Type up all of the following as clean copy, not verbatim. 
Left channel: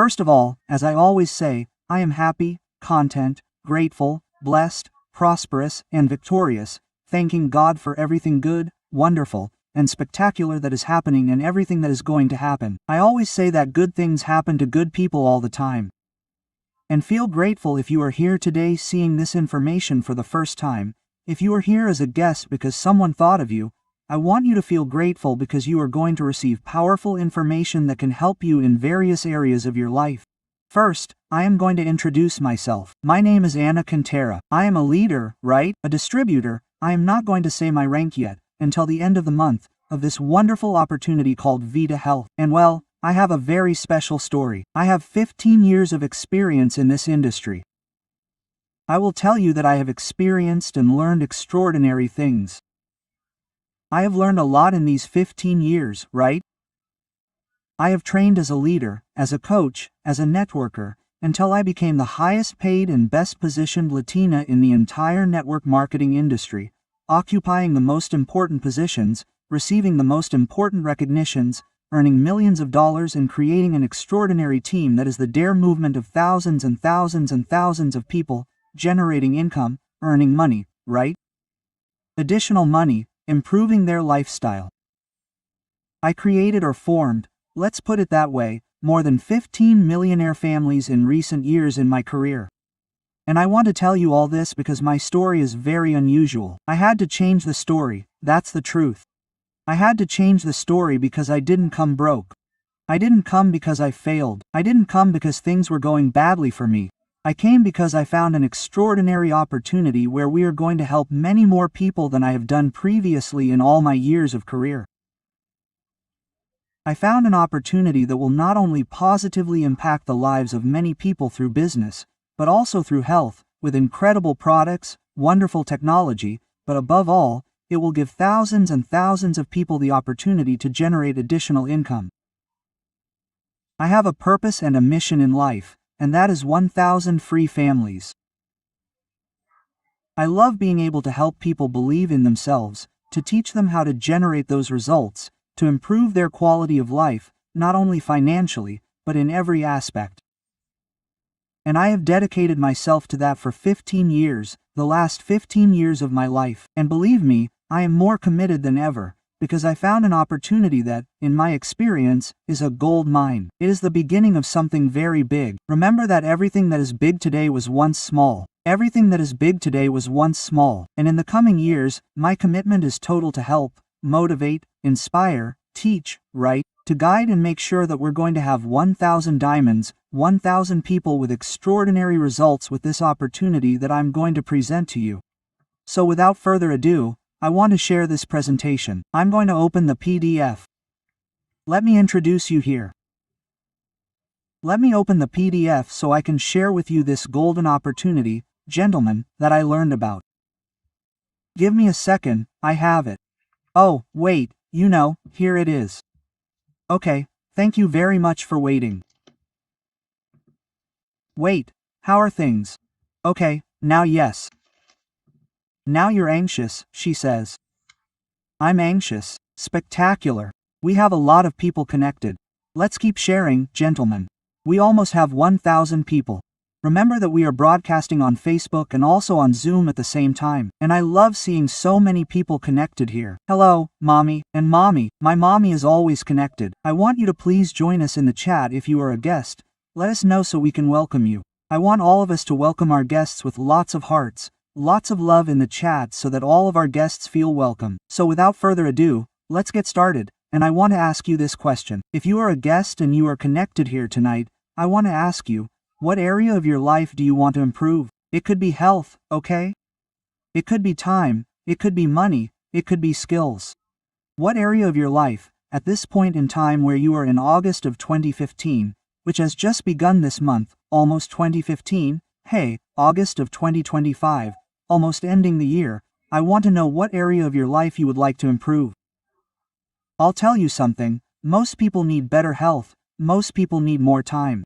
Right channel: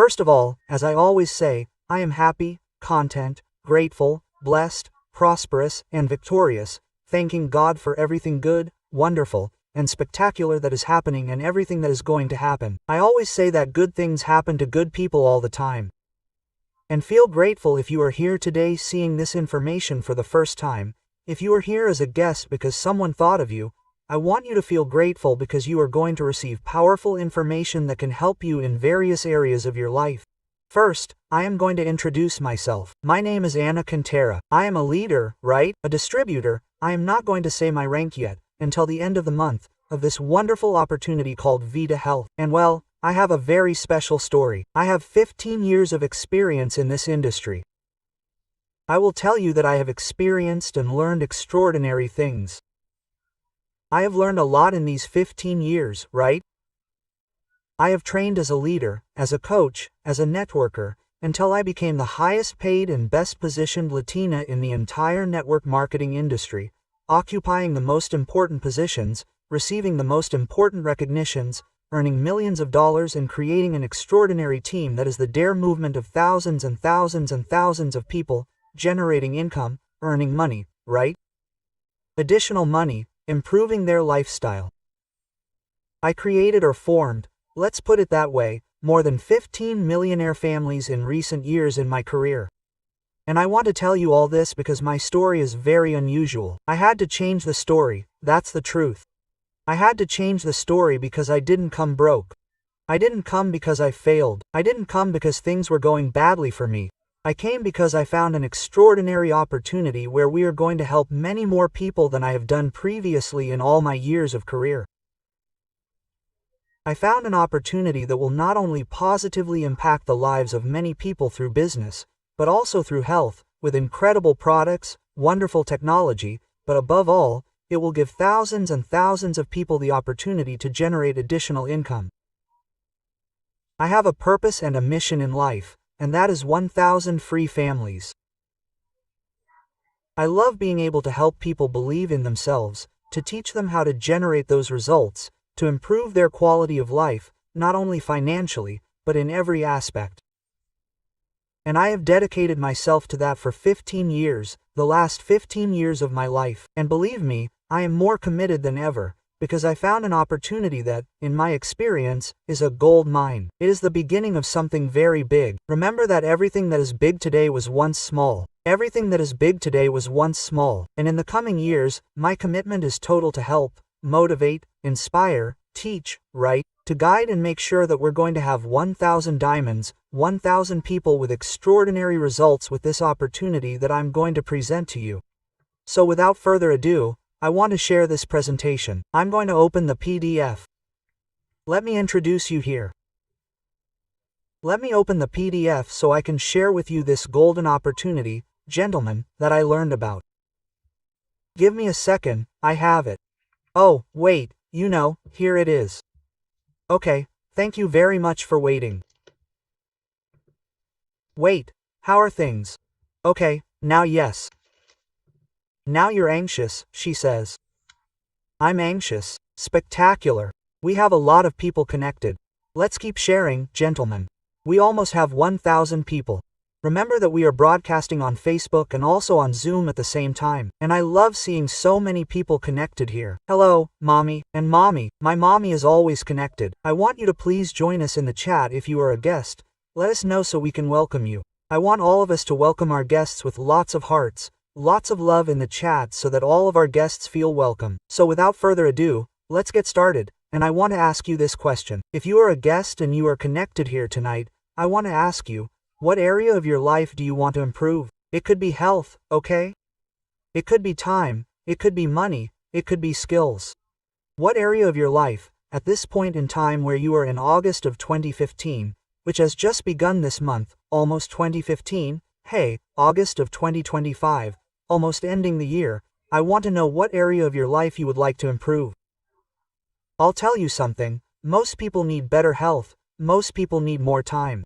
First of all, as I always say, I am happy, content, grateful, blessed, prosperous, and victorious, thanking God for everything good, wonderful, and spectacular that is happening and everything that is going to happen. I always say that good things happen to good people all the time. And feel grateful if you are here today seeing this information for the first time. If you are here as a guest because someone thought of you, I want you to feel grateful because you are going to receive powerful information that can help you in various areas of your life. First, I am going to introduce myself. My name is Cantera. I am a leader, right? A distributor. I am not going to say my rank yet, until the end of the month, of this wonderful opportunity called VitalHealth. And well, I have a very special story. I have 15 years of experience in this industry. I will tell you that I have experienced and learned extraordinary things. I have learned a lot in these 15 years, right? I have trained as a leader, as a coach, as a networker, until I became the highest paid and best positioned Latina in the entire network marketing industry, occupying the most important positions, receiving the most important recognitions, earning millions of dollars and creating an extraordinary team that is the dare movement of thousands and thousands and thousands of people, generating income, earning money, right? Additional money, improving their lifestyle. I created or formed, let's put it that way, more than 15 millionaire families in recent years in my career. And I want to tell you all this because my story is very unusual. I had to change the story, that's the truth. I had to change the story because I didn't come broke. I didn't come because I failed. I didn't come because things were going badly for me. I came because I found an extraordinary opportunity where we are going to help many more people than I have done previously in all my years of career. I found an opportunity that will not only positively impact the lives of many people through business, but also through health, with incredible products, wonderful technology, but above all, it will give thousands and thousands of people the opportunity to generate additional income. I have a purpose and a mission in life, and that is 1,000 free families. I love being able to help people believe in themselves, to teach them how to generate those results, to improve their quality of life, not only financially, but in every aspect. And I have dedicated myself to that for 15 years, the last 15 years of my life. And believe me, I am more committed than ever, because I found an opportunity that, in my experience, is a gold mine. It is the beginning of something very big. Remember that everything that is big today was once small. Everything that is big today was once small. And in the coming years, my commitment is total to help, motivate, inspire, teach, right, to guide and make sure that we're going to have 1,000 diamonds, 1,000 people with extraordinary results with this opportunity that I'm going to present to you. So without further ado, I want to share this presentation. I'm going to open the PDF. Let me introduce you here. Let me open the PDF so I can share with you this golden opportunity, gentlemen, that I learned about. Give me a second, I have it. Oh, wait, here it is. Okay, thank you very much for waiting. Wait, how are things? Okay, now yes. Now you're anxious, she says. I'm anxious. Spectacular. We have a lot of people connected. Let's keep sharing, gentlemen. We almost have 1,000 people. Remember that we are broadcasting on Facebook and also on Zoom at the same time, and I love seeing so many people connected here. Hello, Mommy, and Mommy. My mommy is always connected. I want you to please join us in the chat if you are a guest. Let us know so we can welcome you. I want all of us to welcome our guests with lots of hearts, lots of love in the chat so that all of our guests feel welcome. So without further ado, let's get started, and I want to ask you this question. If you are a guest and you are connected here tonight, I want to ask you, what area of your life do you want to improve? It could be health, okay? It could be time, it could be money, it could be skills. What area of your life, at this point in time where you are in August of 2015, which has just begun this month, almost 2015, hey, August of 2025, almost ending the year, I want to know what area of your life you would like to improve. I'll tell you something, most people need better health, most people need more time.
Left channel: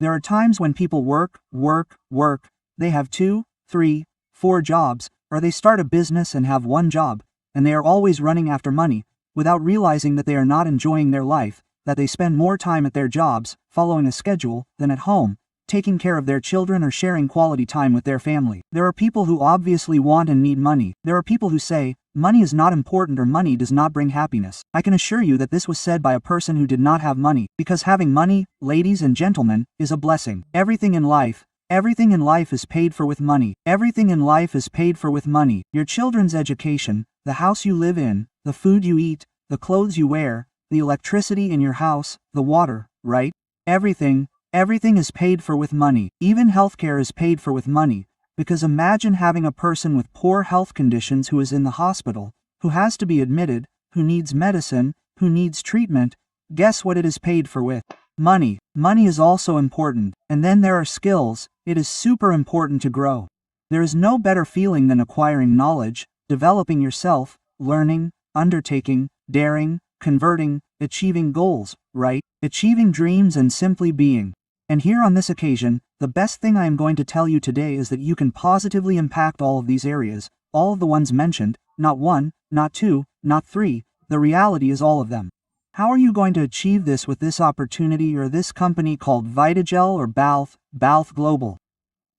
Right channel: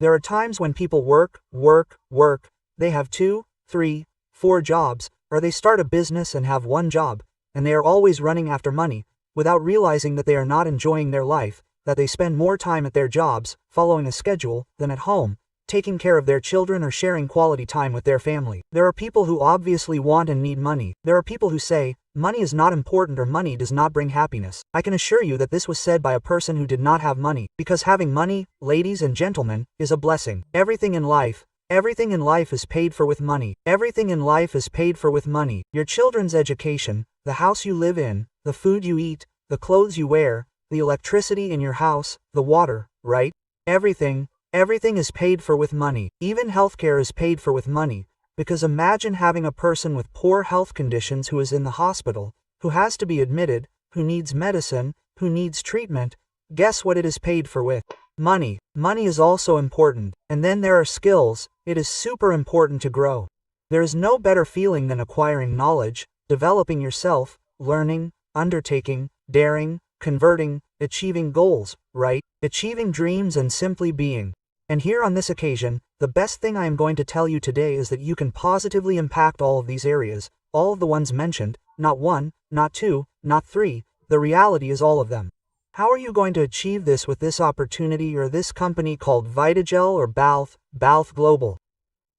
There are times when people work, they have 2, 3, 4 jobs, or they start a business and have one job, and they are always running after money, without realizing that they are not enjoying their life, that they spend more time at their jobs, following a schedule, than at home, taking care of their children or sharing quality time with their family. There are people who obviously want and need money. There are people who say, money is not important or money does not bring happiness. I can assure you that this was said by a person who did not have money, because having money, ladies and gentlemen, is a blessing. Everything in life is paid for with money. Everything in life is paid for with money. Your children's education, the house you live in, the food you eat, the clothes you wear, the electricity in your house, the water, right? Everything is paid for with money. Even healthcare is paid for with money, because imagine having a person with poor health conditions who is in the hospital, who has to be admitted, who needs medicine, who needs treatment. Guess what it is paid for with? Money. Money is also important. And then there are skills. It is super important to grow. There is no better feeling than acquiring knowledge, developing yourself, learning, undertaking, daring, converting, achieving goals, right? Achieving dreams and simply being. And here on this occasion, the best thing I am going to tell you today is that you can positively impact all of these areas, all of the ones mentioned, not one, not two, not three, the reality is all of them. How are you going to achieve this with this opportunity or this company called VitalHealth or VitalHealth Global?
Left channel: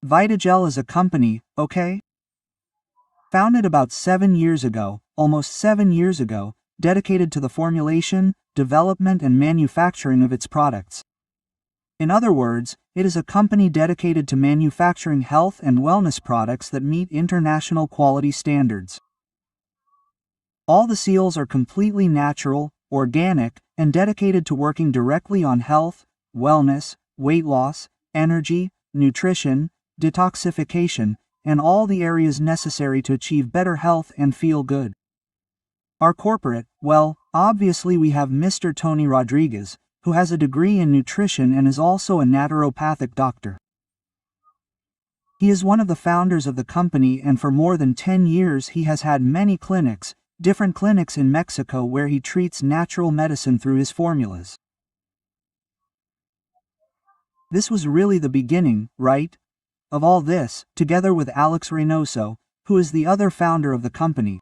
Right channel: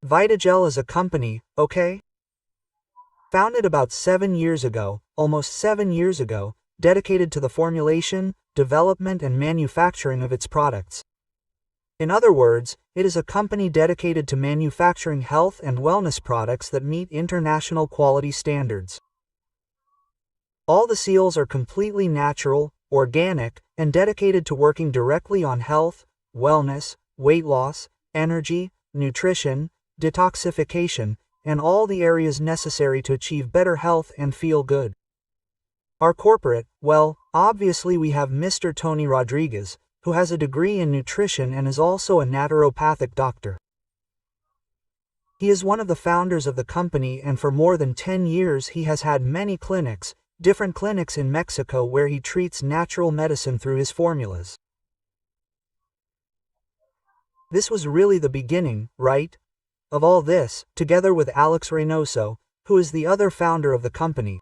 VitalHealth is a company, okay? Founded about 7 years ago, almost 7 years ago, dedicated to the formulation, development and manufacturing of its products. In other words, it is a company dedicated to manufacturing health and wellness products that meet international quality standards. All the seals are completely natural, organic, and dedicated to working directly on health, wellness, weight loss, energy, nutrition, detoxification, and all the areas necessary to achieve better health and feel good. Our corporate, well, obviously we have Mr. Tony Rodriguez, who has a degree in nutrition and is also a naturopathic doctor. He is one of the founders of the company, and for more than 10 years he has had many clinics, different clinics in Mexico where he treats natural medicine through his formulas. This was really the beginning, right? Of all this, together with Alex Reynoso, who is the other founder of the company.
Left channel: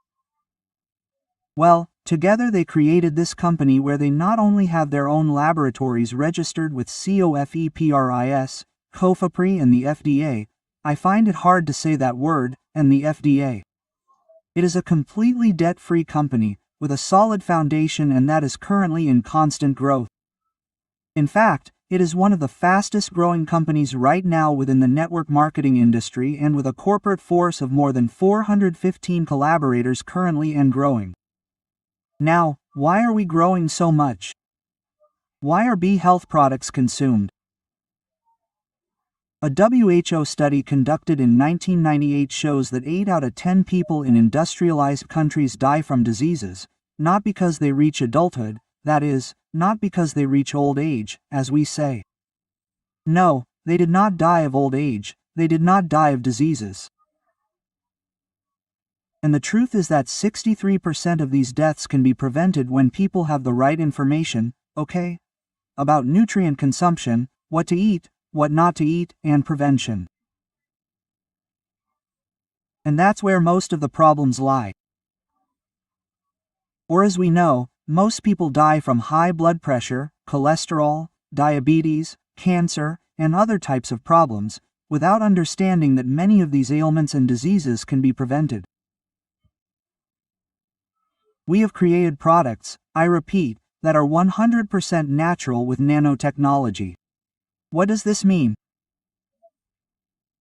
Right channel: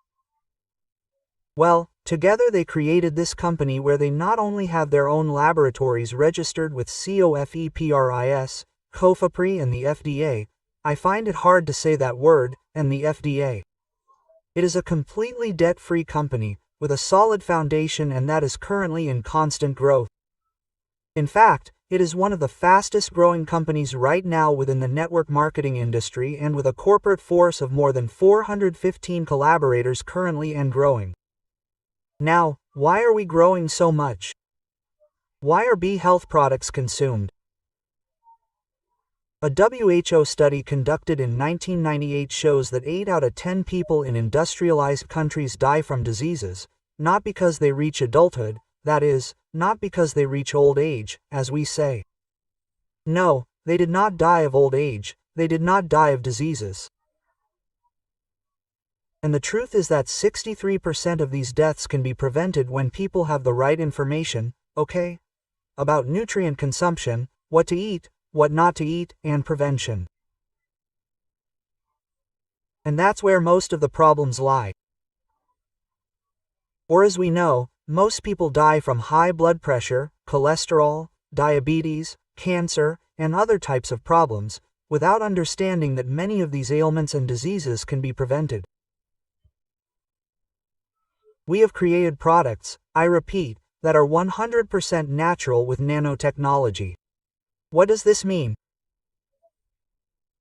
Well, together they created this company where they not only have their own laboratories registered with COFEPRIS, COFEPRI and the FDA, I find it hard to say that word, and the FDA. It is a completely debt-free company, with a solid foundation, and that is currently in constant growth. In fact, it is one of the fastest growing companies right now within the network marketing industry, and with a corporate force of more than 415 collaborators currently and growing. Now, why are we growing so much? Why are bee health products consumed? A WHO study conducted in 1998 shows that 8 out of 10 people in industrialized countries die from diseases, not because they reach adulthood, that is, not because they reach old age, as we say. No, they did not die of old age, they did not die of diseases. And the truth is that 63% of these deaths can be prevented when people have the right information, okay? About nutrient consumption, what to eat, what not to eat, and prevention. And that's where most of the problems lie. Or as we know, most people die from high blood pressure, cholesterol, diabetes, cancer, and other types of problems, without understanding that many of these ailments and diseases can be prevented. We have created products, I repeat, that are 100% natural with nanotechnology. What does this mean?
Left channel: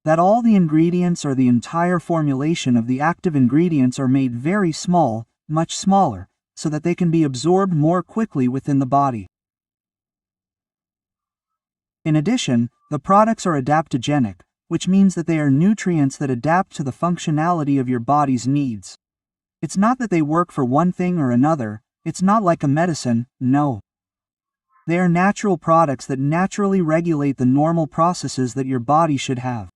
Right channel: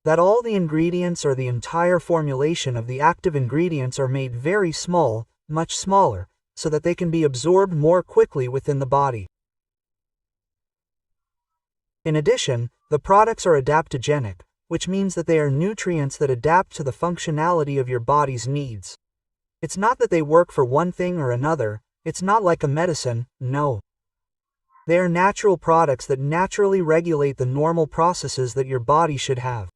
That all the ingredients or the entire formulation of the active ingredients are made very small, much smaller, so that they can be absorbed more quickly within the body. In addition, the products are adaptogenic, which means that they are nutrients that adapt to the functionality of your body's needs. It's not that they work for one thing or another, it's not like a medicine, no. They are natural products that naturally regulate the normal processes that your body should have.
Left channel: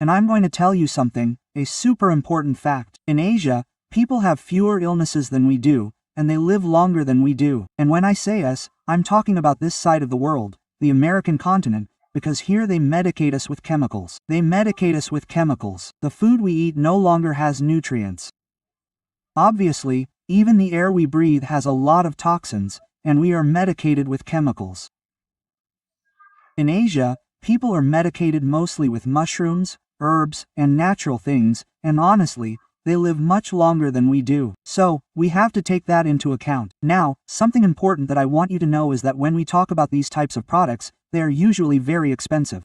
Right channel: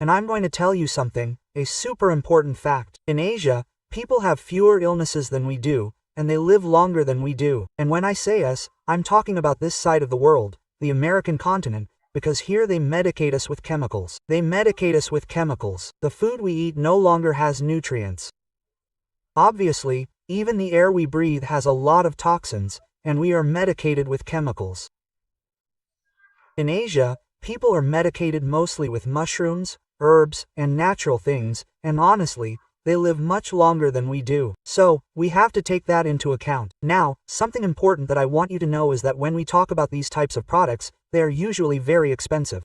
And I'm going to tell you something, a super important fact. In Asia, people have fewer illnesses than we do, and they live longer than we do. And when I say us, I'm talking about this side of the world, the American continent, because here they medicate us with chemicals. They medicate us with chemicals. The food we eat no longer has nutrients. Obviously, even the air we breathe has a lot of toxins, and we are medicated with chemicals. In Asia, people are medicated mostly with mushrooms, herbs, and natural things, and honestly, they live much longer than we do. So, we have to take that into account. Now, something important that I want you to know is that when we talk about these types of products, they are usually very expensive.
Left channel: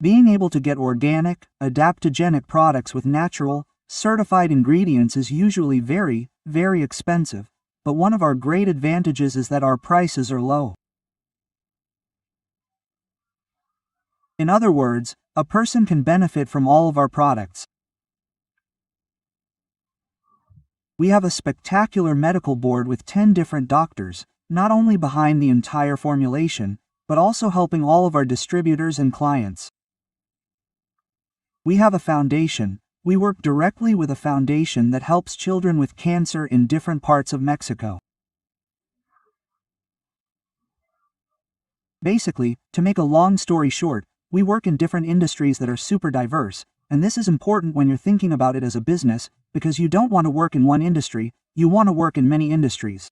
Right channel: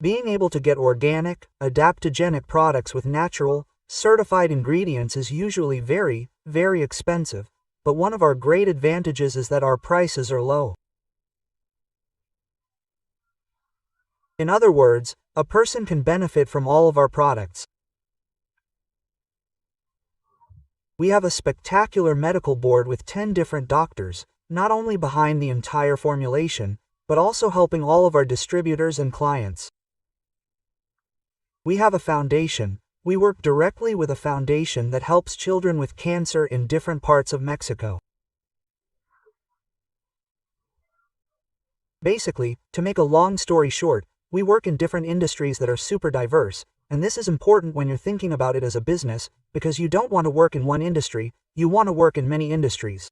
Being able to get organic, adaptogenic products with natural, certified ingredients is usually very, very expensive, but one of our great advantages is that our prices are low. In other words, a person can benefit from all of our products. We have a spectacular medical board with 10 different doctors, not only behind the entire formulation, but also helping all of our distributors and clients. We have a foundation. We work directly with a foundation that helps children with cancer in different parts of Mexico. Basically, to make a long story short, we work in different industries that are super diverse, and this is important when you're thinking about it as a business, because you don't want to work in one industry, you want to work in many industries.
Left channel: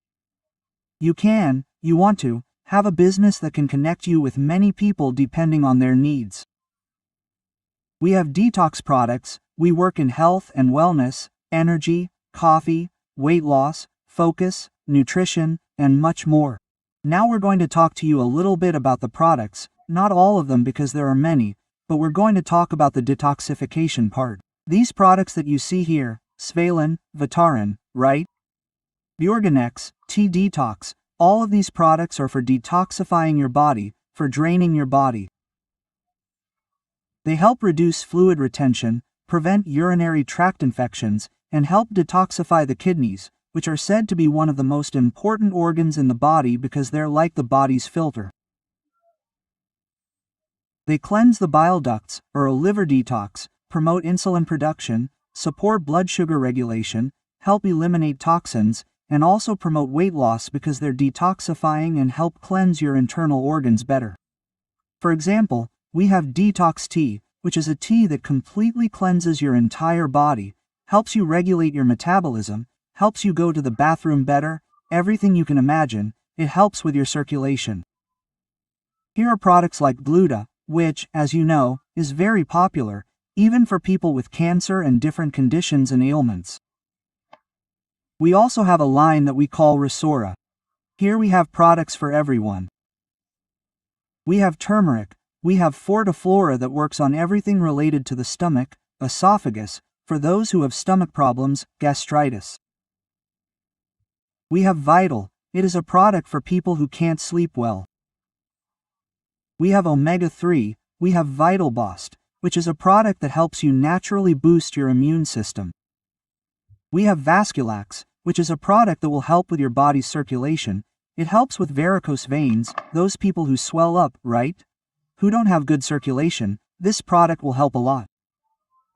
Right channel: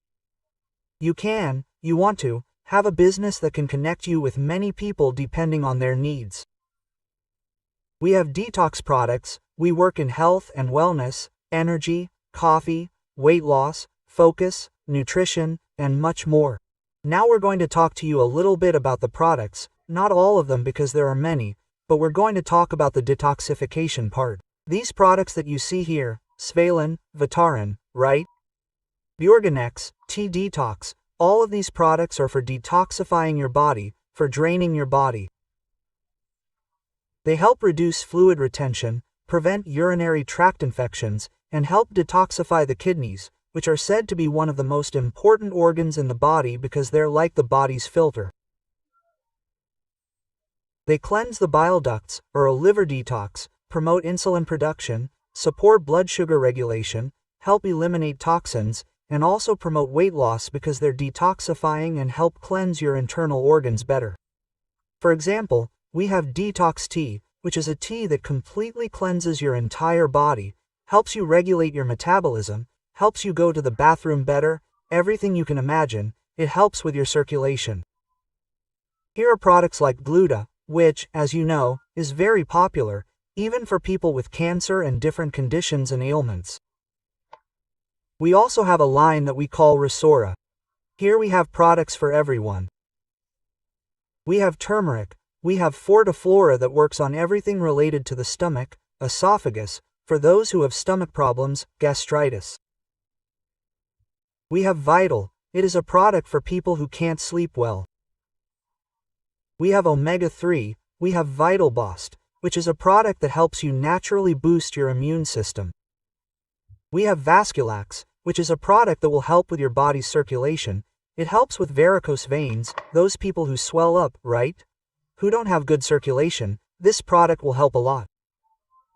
You want to, have a business that can connect you with many people depending on their needs. We have detox products, we work in health and wellness, energy, coffee, weight loss, focus, nutrition, and much more. Now we're going to talk to you a little bit about the products, not all of them because there are many, but we're going to talk about the detoxification part. These products that you see here, Svalin, Vitarin, right? Bjorganex, T-Detox, all of these products are for detoxifying your body, for draining your body. They help reduce fluid retention, prevent urinary tract infections, and help detoxify the kidneys, which are said to be one of the most important organs in the body because they're like the body's filter. They cleanse the bile ducts, or a liver detox, promote insulin production, support blood sugar regulation, help eliminate toxins, and also promote weight loss because they're detoxifying and help cleanse your internal organs better. For example, we have Detox Tea, which is a tea that completely cleanses your entire body, helps you regulate your metabolism, helps you go to the bathroom better, everything you can imagine, it helps with your circulation. Here are products like Gluta, which, as you know, is very popular, even for people with cancer and different conditions and ailments. We also have a line that we call Resora. Here we have products for everyone. We have turmeric, we have Fortiflora that works on everything related to the stomach, esophagus, for those who have stomach problems, gastritis. We have Vital, it is a product for people who can't sleep well. We have Omega-3, we have Vital Boost, which is a product that helps you naturally boost your immune system. We have Vasculax, which is a product that will help with your body's circulation. It helps with varicose veins, those people who swell up, right? Who don't have good circulation, this product will help a lot.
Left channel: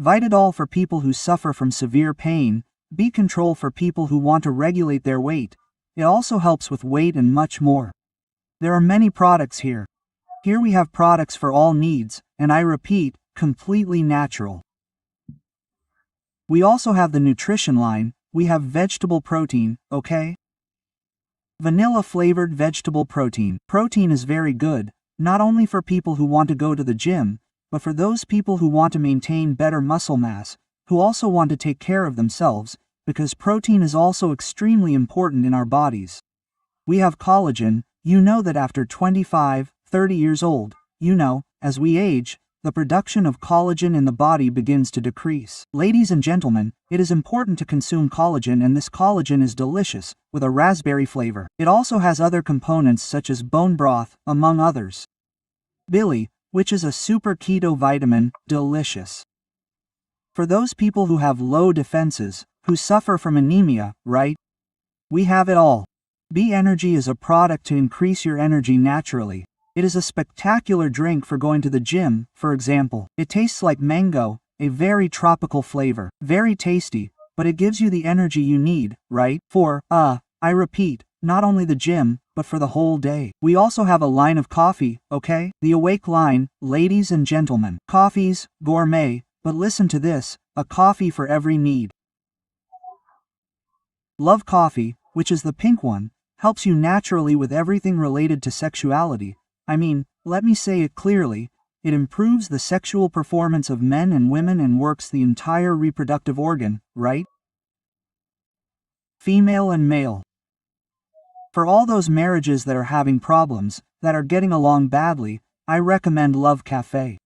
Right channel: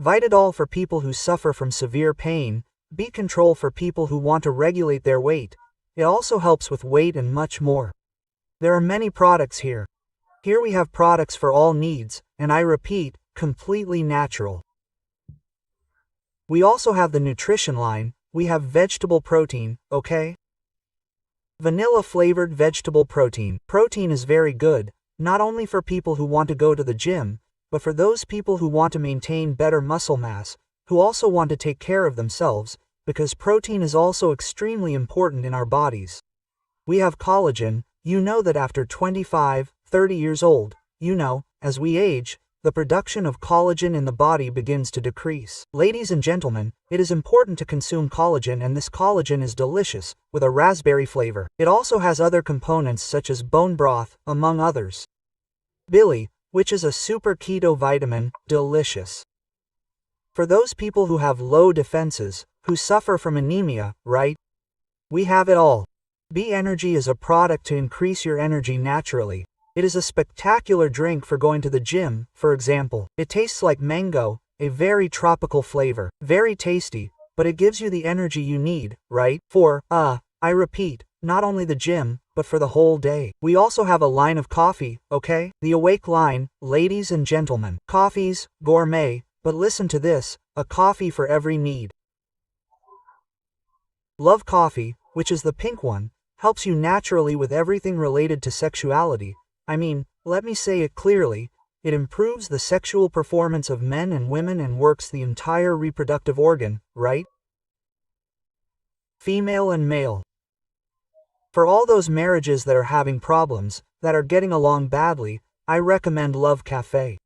Vitadol for people who suffer from severe pain, B-Control for people who want to regulate their weight. It also helps with weight and much more. There are many products here. Here we have products for all needs, and I repeat, completely natural. We also have the nutrition line, we have vegetable protein, okay? Vanilla flavored vegetable protein. Protein is very good, not only for people who want to go to the gym, but for those people who want to maintain better muscle mass, who also want to take care of themselves, because protein is also extremely important in our bodies. We have collagen, you know that after 25, 30 years old, you know, as we age, the production of collagen in the body begins to decrease. Ladies and gentlemen, it is important to consume collagen, and this collagen is delicious, with a raspberry flavor. It also has other components such as bone broth, among others. Billy, which is a super keto vitamin, delicious. For those people who have low defenses, who suffer from anemia, right? We have it all. B-Energy is a product to increase your energy naturally. It is a spectacular drink for going to the gym, for example. It tastes like mango, a very tropical flavor. Very tasty, but it gives you the energy you need, right? I repeat, not only the gym, but for the whole day. We also have a line of coffee, okay? The Awake line, ladies and gentlemen. Coffees, gourmet, but listen to this, a coffee for every need. Love Coffee, which is the pink one, helps you naturally with everything related to sexuality. I mean, let me say it clearly, it improves the sexual performance of men and women and works the entire reproductive organ, right? Female and male. For all those marriages that are having problems, that are getting along badly, I recommend Love Cafe.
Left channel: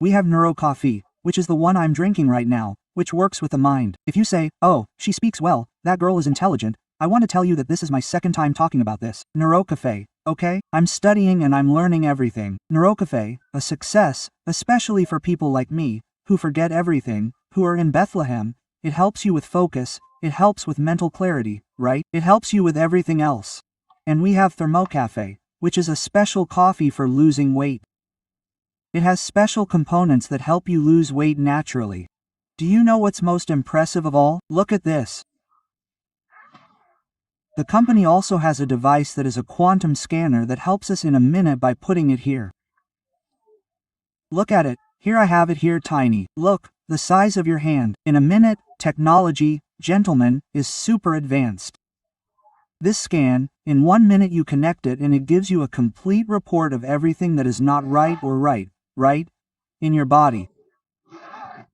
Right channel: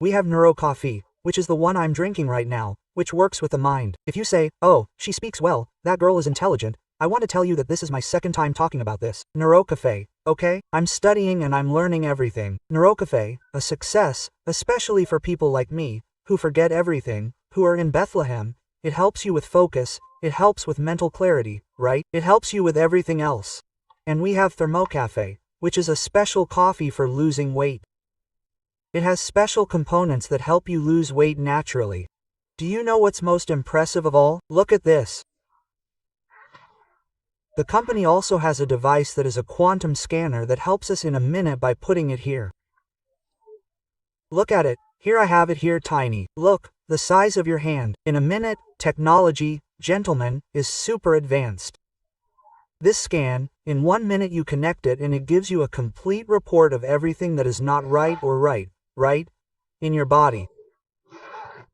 We have Neuro Coffee, which is the one I'm drinking right now, which works with the mind. If you say, oh, she speaks well, that girl is intelligent, I want to tell you that this is my second time talking about this. Neuro Cafe, okay? I'm studying and I'm learning everything. Neuro Cafe, a success, especially for people like me, who forget everything, who are in Bethlehem. It helps you with focus, it helps with mental clarity, right? It helps you with everything else. And we have Thermocafe, which is a special coffee for losing weight. It has special components that help you lose weight naturally. Do you know what's most impressive of all? Look at this. The company also has a device that is a quantum scanner that helps us in a minute by putting it here. Look at it, here I have it here tiny. Look, the size of your hand. In a minute, technology, gentlemen, is super advanced. This scan, in 1 minute you connect it and it gives you a complete report of everything that is not right or right, in your body.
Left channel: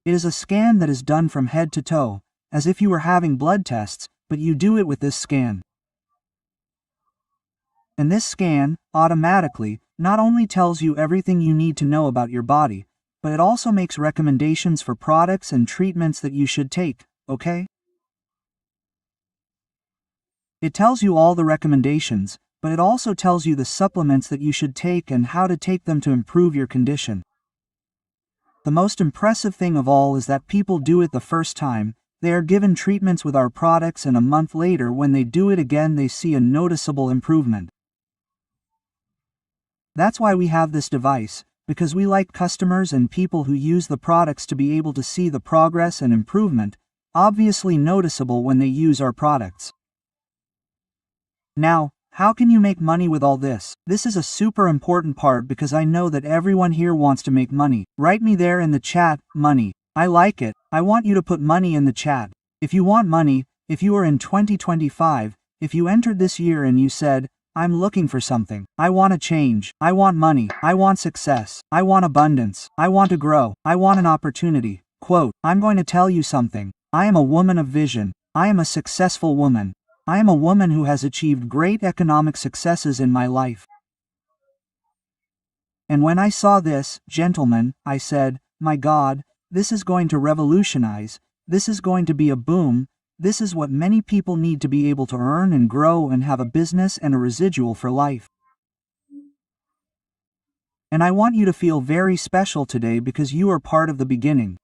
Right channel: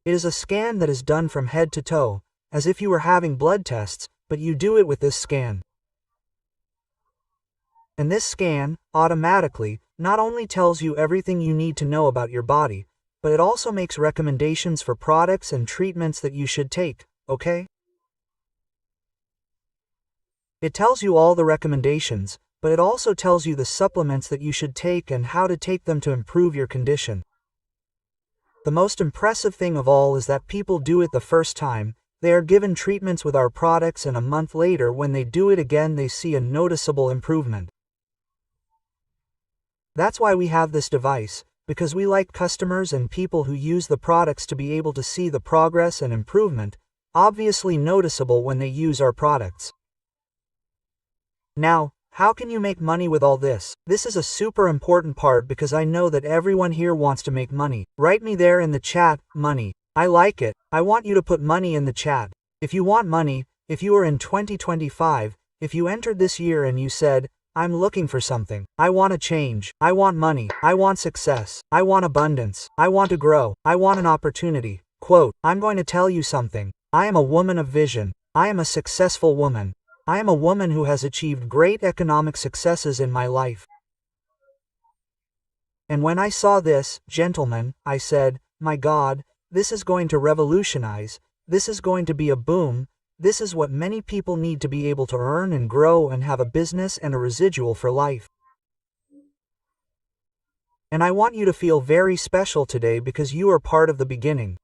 It is a scan that is done from head to toe, as if you were having blood tests, but you do it with this scan. And this scan, automatically, not only tells you everything you need to know about your body, but it also makes recommendations for products and treatments that you should take, okay? It tells you all the recommendations, but it also tells you the supplements that you should take and how to take them to improve your condition. The most impressive thing of all is that people do it the first time, they are given treatments with our products and a month later when they do it again they see a noticeable improvement. That's why we have this device, because we like customers and people who use the products to be able to see the progress and improvement, obviously noticeable when they use our products. Now, how can you make money with all this? This is a super important part because I know that everyone here wants to make money. Write me there in the chat, money. I like it. I want you to put money in the chat. If you want money, if you are in 2025, if you entered this year and you said, I'm looking for something. I want a change. I want money. I want success. I want abundance. I want to grow. I want an opportunity. Quote, I'm going to tell you something. I am a woman of vision. I am a successful woman. I am a woman who has achieved great economic successes in my life. And when I saw this, gentlemen, I said, my God, this is going to revolutionize, this is going to be a boom, this is what many people need to be able to earn and grow and have a business and a residual for life. And I want you to feel very special today because you are part of the beginning.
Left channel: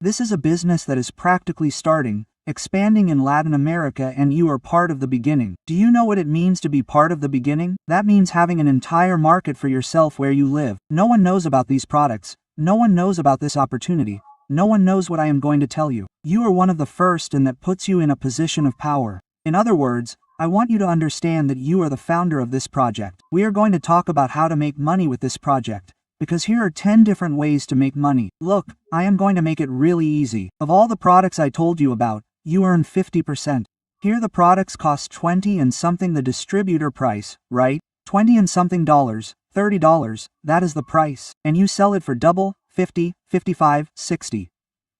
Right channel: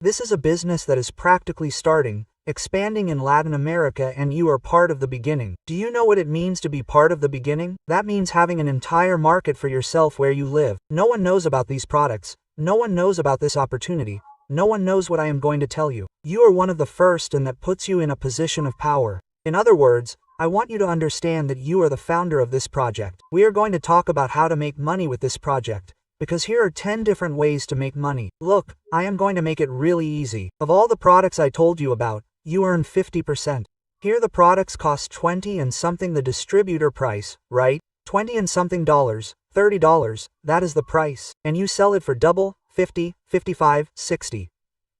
This is a business that is practically starting, expanding in Latin America, and you are part of the beginning. Do you know what it means to be part of the beginning? That means having an entire market for yourself where you live. No one knows about these products. No one knows about this opportunity. No one knows what I am going to tell you. You are one of the first, and that puts you in a position of power. In other words, I want you to understand that you are the founder of this project. We are going to talk about how to make money with this project, because here are 10 different ways to make money. Look, I am going to make it really easy. Of all the products I told you about, you earn 50%. Here the products cost 20 and something the distributor price, right? 20 and something dollars, $30, that is the price. And you sell it for double, 50, 55, 60.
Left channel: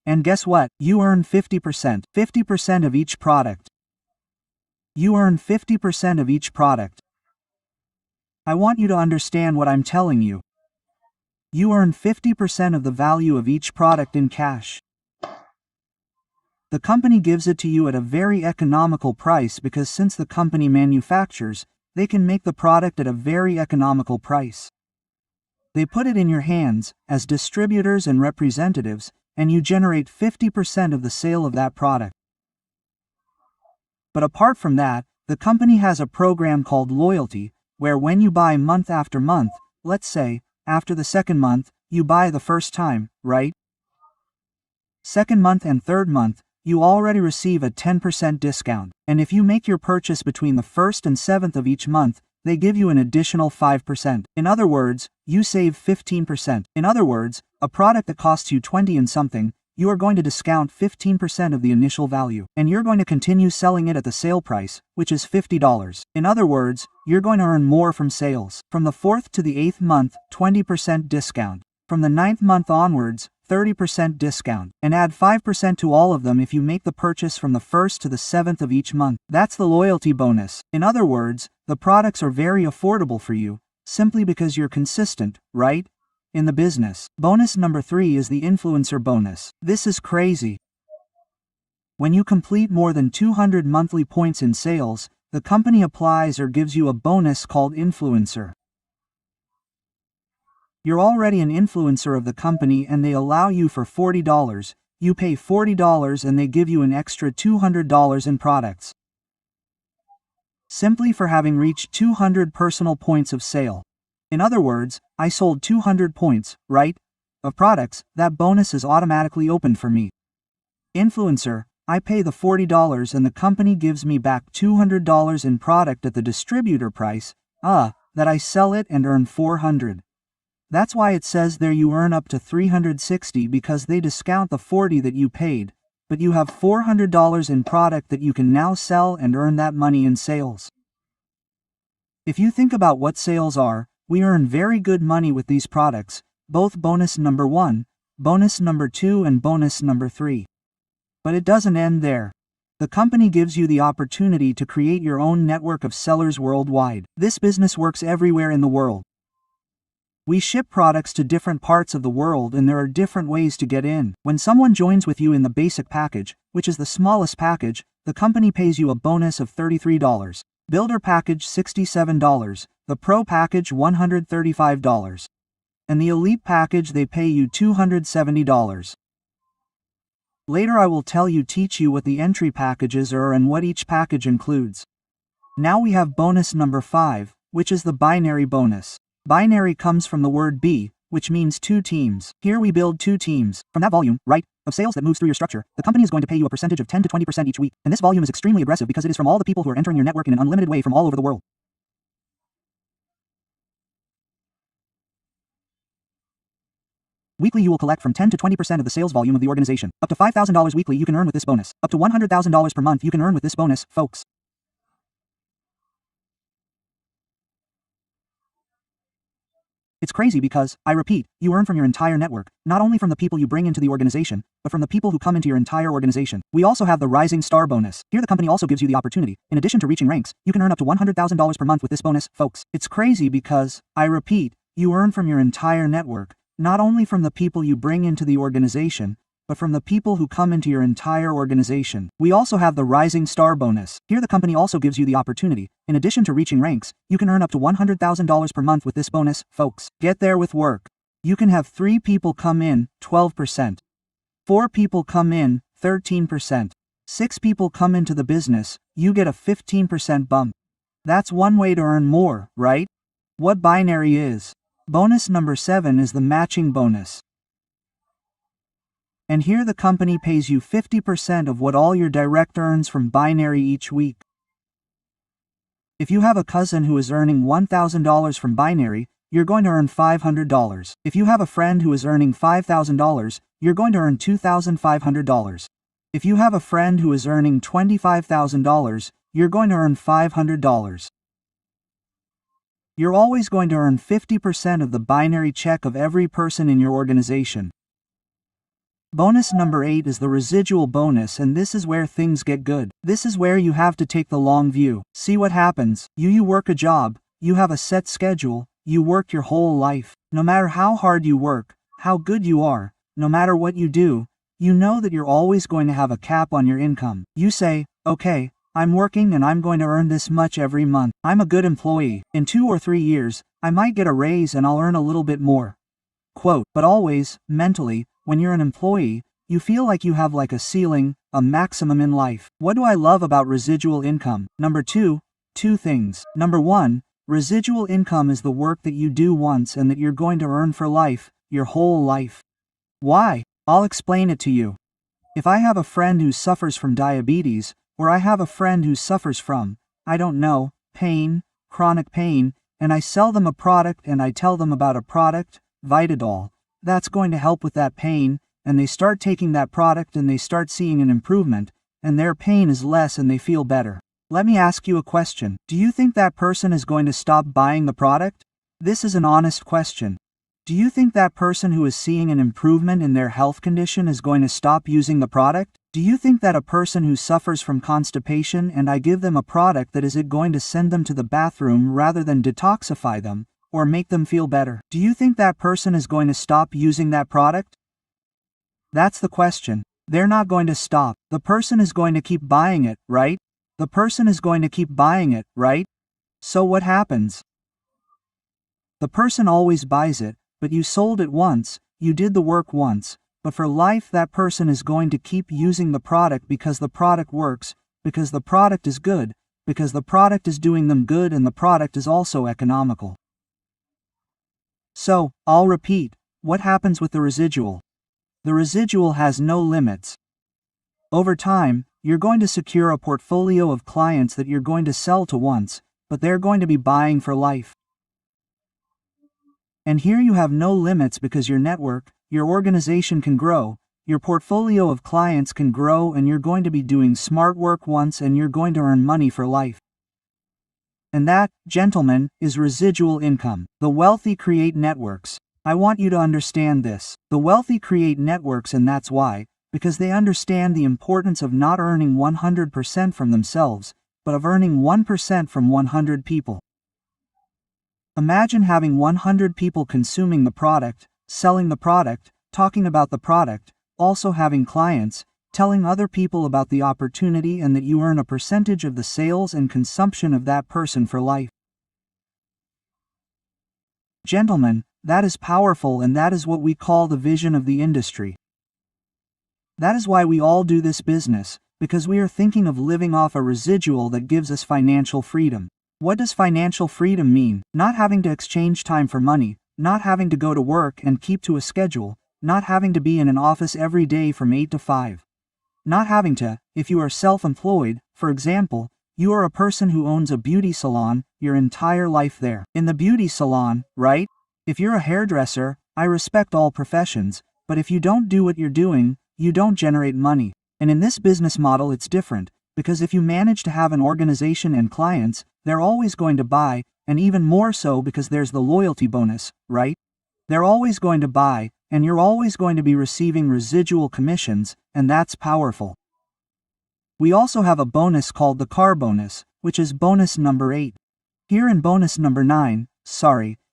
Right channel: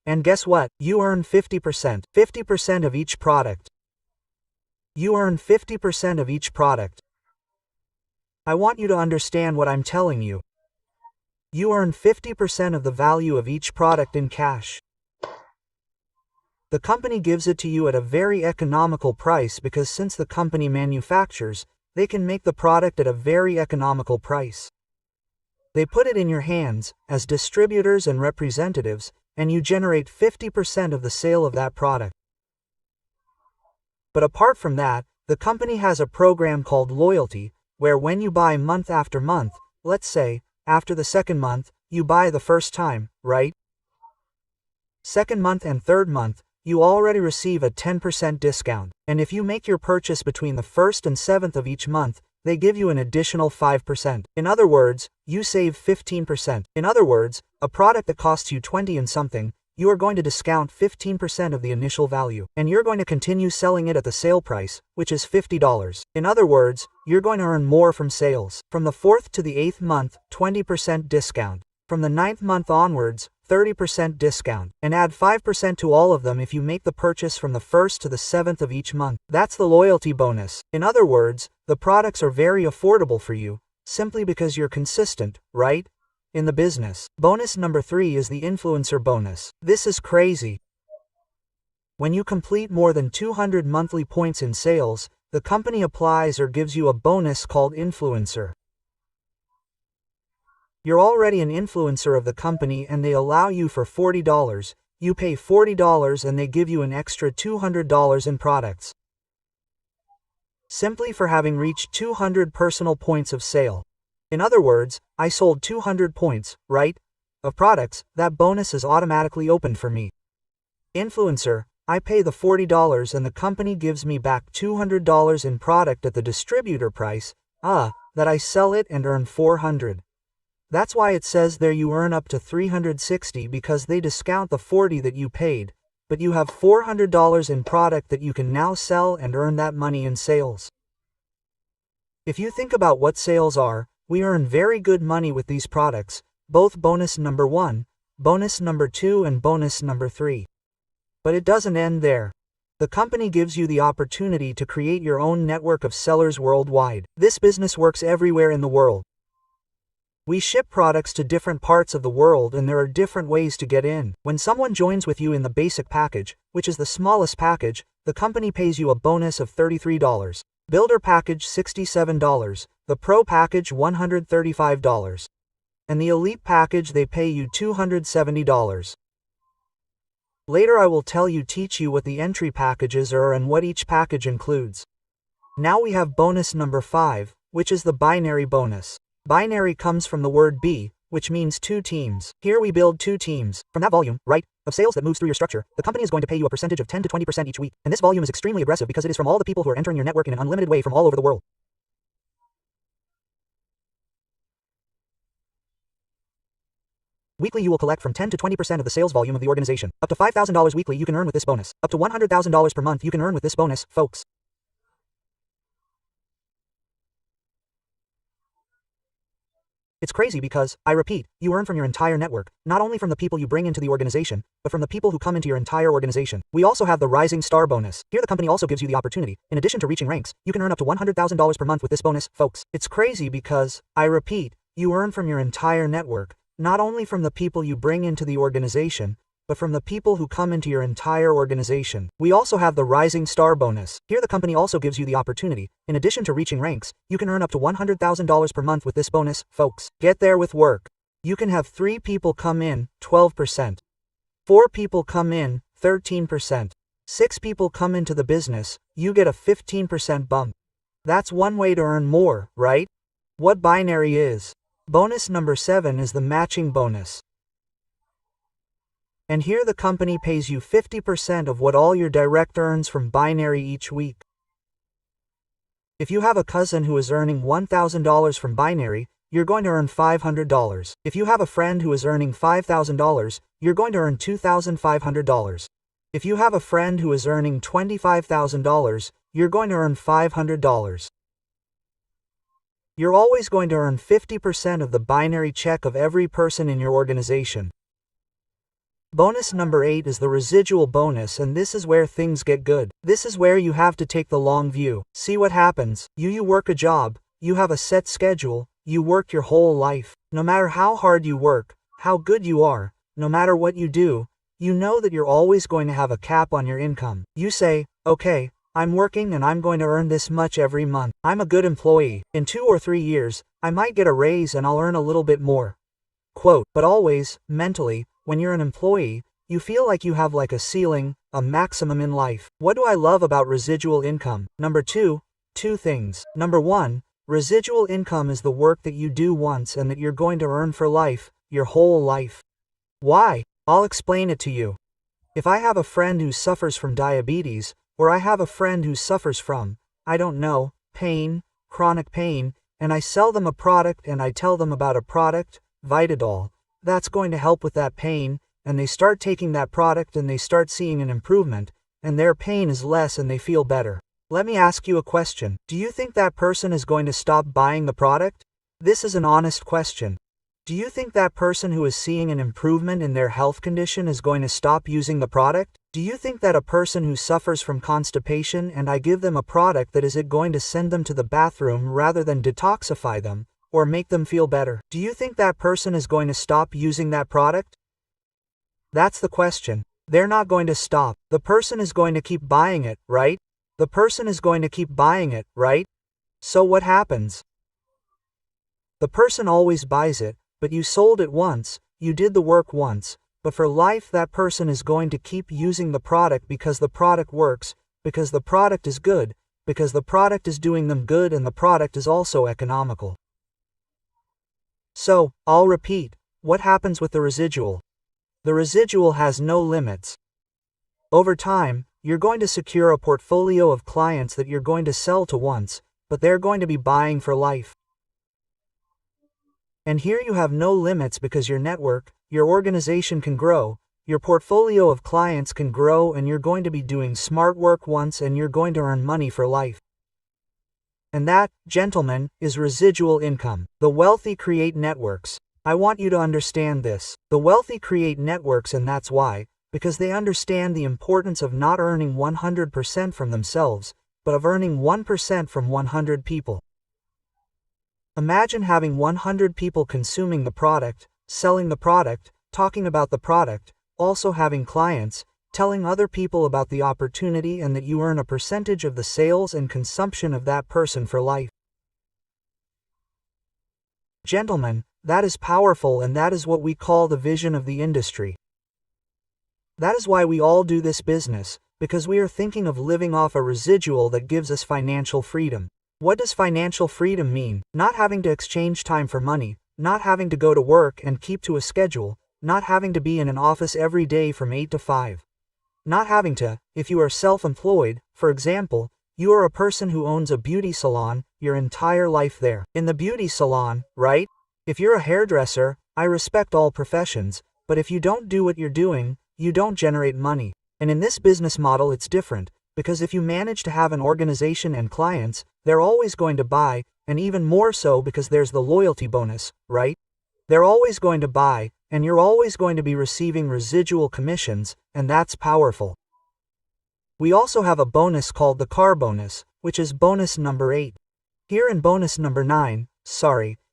And guess what? You earn 50%. 50% of each product. You earn 50% of each product. I want you to understand what I'm telling you. You earn 50% of the value of each product in cash. The company gives it to you at a very economical price because since the company manufactures, they can make the product at a very economical price. They put it in your hands, as distributors and representatives, and you generate 50% of the sale of that product. But apart from that, the company has a program called loyalty, where when you buy month after month, let's say, after the second month, you buy the first time, right? Second month and third month, you already receive a 10% discount, and if you make your purchase between the 1st and 7th of each month, they give you an additional 5%. In other words, you save 15%. In other words, a product that costs you 20 and something, you are going to discount 15% of the initial value, and you're going to continue selling it at the sale price, which is $50. In other words, you're going to earn more from sales. From the 4th to the 8th month, 20% discount. From the 9th month onwards, 30% discount, and add 5% to all of them if you make the purchase from the 1st to the 7th of each month. That's the loyalty bonus. In other words, the products are very affordable for you, simply because you're consistent, right? In the business. Bonus number 3 is the influencer bonus. This is crazy. When you complete more than 200 monthly points in sales, the company applies or gives you a bonus called influencer. You're already an influencer of the company and they allow you for $40. You pay $40 and they give you an extra $200 in products. Simply for having reached 200 personal points of sale. In other words, I sold 200 points, right? Of products, that bonus is automatically opened for me. Influencer, I pay the $40 and the company gives me back $200 in product at the distributor price, that I sell it and earn $400. That's why it says there you earn up to $360 because they discount the $40 that you paid, but you have $400 in product that you can now sell and earn that money in sales. If you think about what sales are, we earn very good money with these products, both bonus number 1, bonus number 2 and bonus number 3. But it doesn't end there. The company gives you the opportunity to create your own network of sellers worldwide. This business works everywhere in the world. We ship products to different parts of the world and there are different ways to get in. When someone joins with you in the basic package, which is the smallest package, the company pays you a bonus of $33. Builder package $67, the Pro package $135. And the Elite package they pay you $270. Later I will teach you what the entry packages are and what each package includes. Now we have bonus number 5, which is the binary bonus. Binary comes from the word B, which means 2 teams. Here we build 2 teams. From that volume, right, of sales that moves through your structure, the company is going to pay you a percentage of 10 to 20% each week. And this volume is extremely aggressive because it is from all the people who are entering your network in an unlimited way from all over the world. Weekly you will collect from 10 to 20% of the sales volume of the organization. Up to $5,000 weekly you can earn with this bonus. Up to $100,000 per month you can earn with this bonus, folks. It's crazy because, I repeat, you earn from your entire network, not only from the people you bring into the organization, but from the people who come into your entire organization. We also have the Rising Star bonus. Here the company also gives you the opportunity, in addition to reaching ranks, you can earn up to $100,000 per month with this bonus, folks. It's crazy because, I repeat, you earn from your entire network, not only from the people you bring into the organization, but from the people who come into your entire organization. We also have the Rising Star bonus. Here the company also gives you the opportunity, in addition to reaching ranks, you can earn up to $100,000 per month with this bonus, folks. Get there with work. You can have 3 people come in, 12%. 4 people come in, 13%. 6 people come into the business, you get a 15% bump. That's one way to earn more, right? What binary is? Bonus number 7 is the matching bonus. And here the company pays you 50% of what all your direct earns from binary each week. If you have a cousin who is earning $1,000 from binary, you're going to earn $500. If you have a friend who is earning $5,000, you're going to earn $2,500. If you have a friend who is earning $25,000, you're going to earn $500. You're always going to earn 50% of the binary check of every person in your organization. Bonus number 8 is the residual bonus, and this is where things get good. This is where you have to take the long view. See what happens. You work a job, you have a set schedule, you work your whole life. No matter how hard you work, how good you are, no matter what you do, you know that you're always going to have a cap on your income. You say, okay, I'm working and I'm going to earn this much every month. I'm a good employee. In 2 or 3 years, I might get a raise and I'll earn a little bit more. Quote, but always, mentally, when you're an employee, you feel like you have like a ceiling, a maximum in life. What do I love about residual income? Number 2, 2 things. Number 1, residual income is the work that you do once and that you're going to earn for life, your whole life. Why? I'll explain it to you. If I have a friend who suffers from diabetes, or I have a friend who suffers from, I don't know, pain, chronic pain, and I sell them a product and I tell them about a product, VitalHealth, that's going to help with that pain, and they start taking that product and they start seeing an improvement, and their pain is less and they feel better. Let me ask you a question. Do you think that person is going to stop buying the product? This is an honest question. Do you think that person who is seeing an improvement in their health condition is going to stop using the product? Do you think that a person who suffers from constipation and I give them a product that is it going to send them to the bathroom rather than detoxify them, or make them feel better? Do you think that person is going to stop using that product? That's the question. They're not going to stop. The person is going to keep buying it, right? The person is going to keep buying it, right? So what happens? The person always buys it, but you sold it once, you did the work once, but for life that person is going to keep using the product because the product works, because the product is good, because the product is doing them good and the product is also economical. So, I'll repeat, what happens with the residual? The residual has no limits. Over time, you're going to secure a portfolio of clients that you're going to sell to once, but they're going to be buying for life. And here you have no limits because your network, your organization can grow, your portfolio of clients can grow, and you're going to be doing smart work once and you're going to earn money for life. And that, gentlemen, is residual income. The wealthy create networks. I want you to understand this. The wealthy create networks, and that's why, because they understand the importance of not earning 100% from themselves, but of earning 1% from 100 people. Imagine having 100 people consuming the product, selling the product, talking about the product, also having clients, telling other people about the opportunity, and that you earn a percentage of the sales and consumption of that person for life. Gentlemen, that is powerful, and that is what we call the vision of the industry. That is why we all do this business, because we are thinking of living off a residual that gives us financial freedom. What does financial freedom mean? Not having to exchange time for money, not having to go to work and keep to a schedule, not having to be in an office every day from 8 to 5. Not having to, if you are self-employed, for example, you are a person who owns a beauty salon, your entire life there. In the beauty salon, right? If you're a hairdresser, I respect all professions, but if you don't do what you're doing, you don't generate money. And in this business model it's different, because if you manage to have an organization and clients, they're always going to buy, and even more so because there's the loyalty bonus, right? They're always going to buy, and you're always going to be receiving residual commissions, and that's powerful. We also have a bonus called the car bonus, which is bonus number 8. Here in bonus number 9,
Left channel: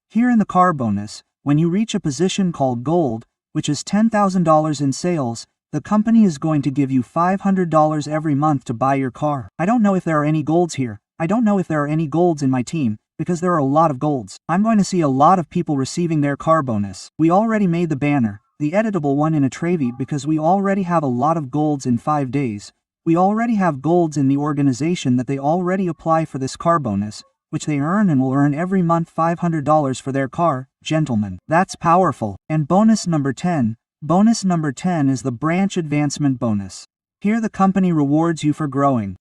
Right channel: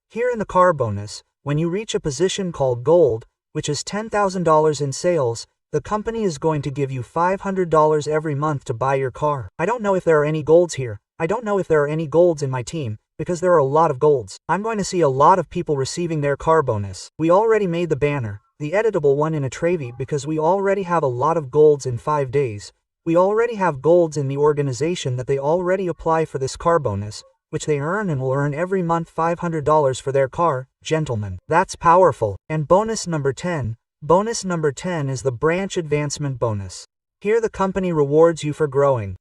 here in the car bonus, when you reach a position called gold, which is $10,000 in sales, the company is going to give you $500 every month to buy your car. I don't know if there are any golds here. I don't know if there are any golds in my team, because there are a lot of golds. I'm going to see a lot of people receiving their car bonus. We already made the banner, the editable one in a Trevi, because we already have a lot of golds in 5 days. We already have golds in the organization that they already apply for this car bonus, which they earn and will earn every month $500 for their car. Gentlemen, that's powerful. And bonus number 10. Bonus number 10 is the branch advancement bonus. Here the company rewards you for growing.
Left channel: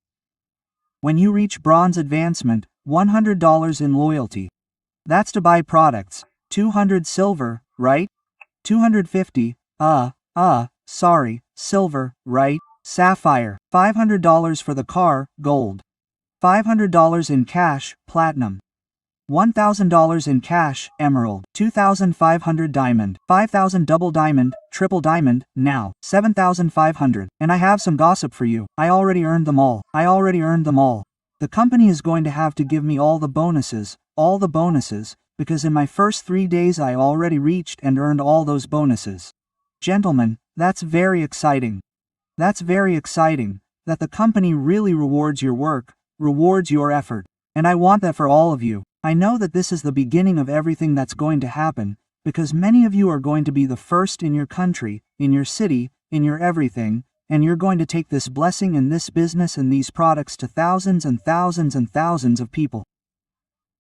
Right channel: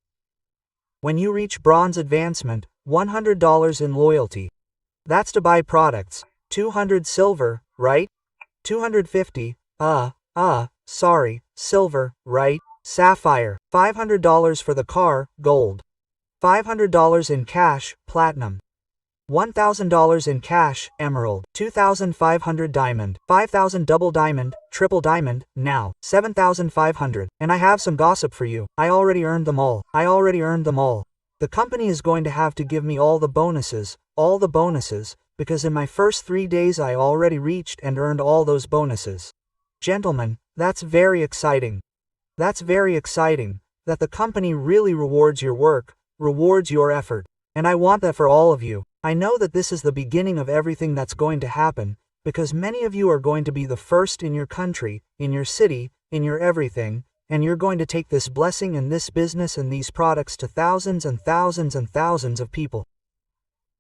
When you reach bronze advancement, $100 in loyalty. That's to buy products. 200 silver, right? 250, silver, right? Sapphire. $500 for the car, gold. $500 in cash, platinum. $1,000 in cash, emerald. 2,500 diamond. 5,000 double diamond, triple diamond, now. 7,500. And I have some gossip for you. I already earned them all. The company is going to have to give me all the bonuses, because in my first 3 days I already reached and earned all those bonuses. Gentlemen, that's very exciting. That's very exciting, that the company really rewards your work, rewards your effort. And I want that for all of you. I know that this is the beginning of everything that's going to happen, because many of you are going to be the first in your country, in your city, in your everything, and you're going to take this blessing and this business and these products to thousands and thousands and thousands of people.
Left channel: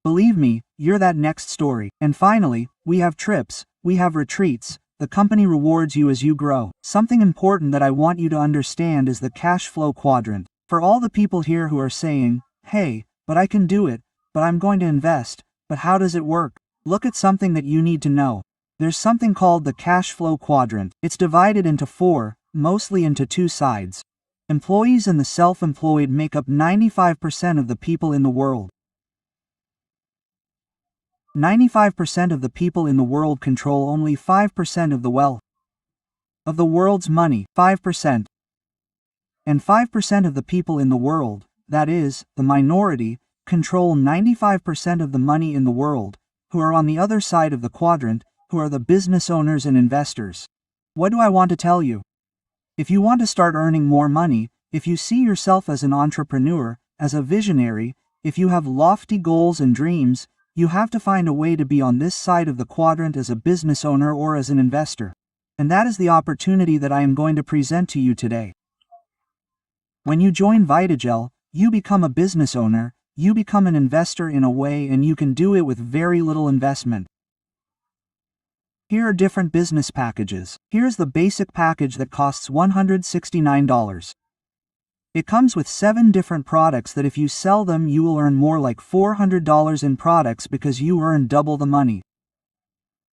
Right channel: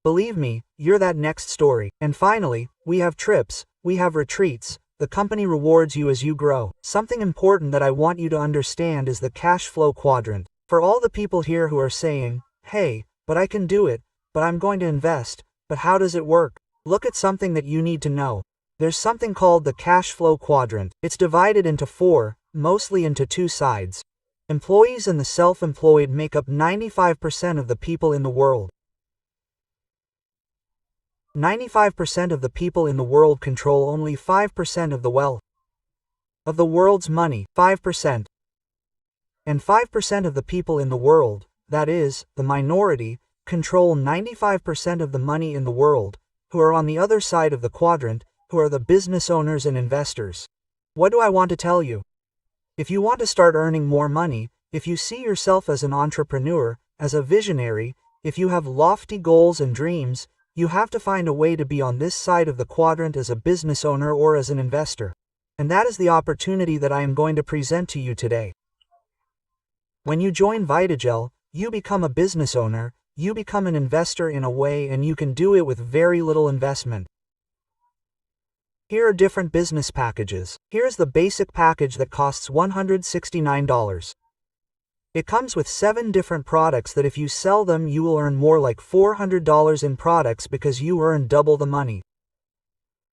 Believe me, you're that next story. And finally, we have trips, we have retreats. The company rewards you as you grow. Something important that I want you to understand is the cash flow quadrant. For all the people here who are saying, hey, but I can do it, but I'm going to invest, but how does it work? Look at something that you need to know. There's something called the cash flow quadrant. It's divided into four, mostly into two sides. Employees and the self-employed make up 95% of the people in the world. 95% of the people in the world control only 5% of the wealth. Of the world's money, 5%. And 5% of the people in the world, that is, the minority, control 95% of the money in the world, who are on the other side of the quadrant, who are the business owners and investors. What do I want to tell you? If you want to start earning more money, if you see yourself as an entrepreneur, as a visionary, if you have lofty goals and dreams, you have to find a way to be on this side of the quadrant as a business owner or as an investor. And that is the opportunity that I am going to present to you today. When you join VitalHealth, you become a business owner, you become an investor in a way, and you can do it with very little investment. Here are different business packages. Here's the basic package that costs $169. It comes with 7 different products that if you sell them you will earn more like $400 in products because you earn double the money.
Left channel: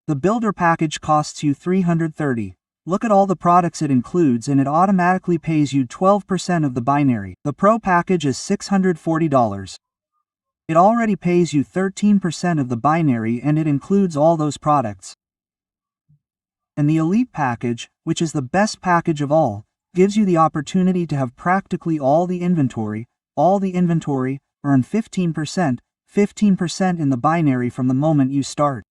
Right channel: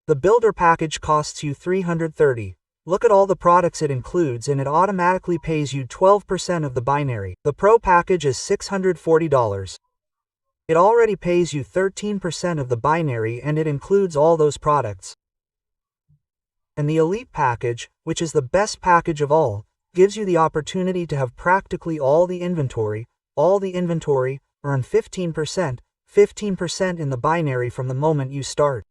The builder package costs you $330. Look at all the products it includes and it automatically pays you 12% of the binary. The pro package is $640. It already pays you 13% of the binary and it includes all those products. And the elite package, which is the best package of all, gives you the opportunity to have practically all the inventory, earn 15% in the binary from the moment you start.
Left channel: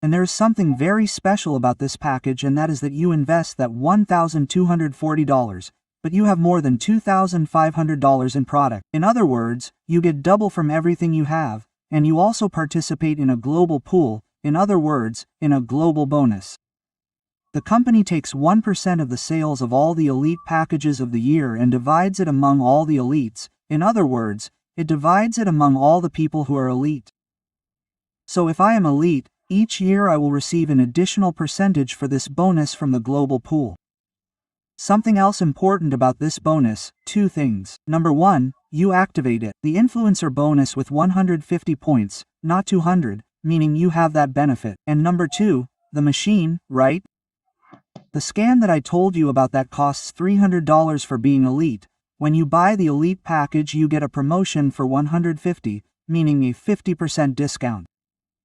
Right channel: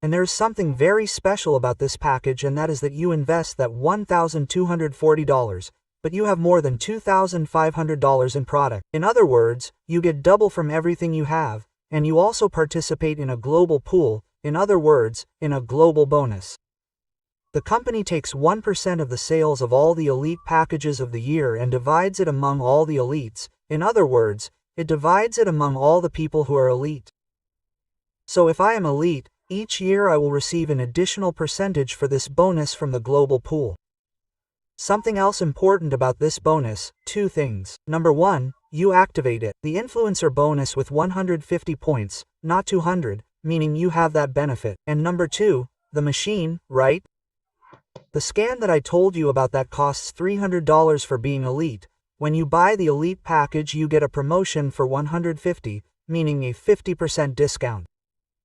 And there is something very special about this package, and that is that you invest that $1,240, but you have more than $2,500 in product. In other words, you get double from everything you have, and you also participate in a global pool, in other words, in a global bonus. The company takes 1% of the sales of all the elite packages of the year and divides it among all the elites. In other words, it divides it among all the people who are elite. So if I am elite, each year I will receive an additional percentage for this bonus from the global pool. Something else important about this bonus, 2 things. Number 1, you activate it. The influencer bonus with 150 points, not 200, meaning you have that benefit. And number 2, the machine, right? The scan that I told you about that costs $300 for being elite. When you buy the elite package you get a promotion for 150, meaning a 50% discount.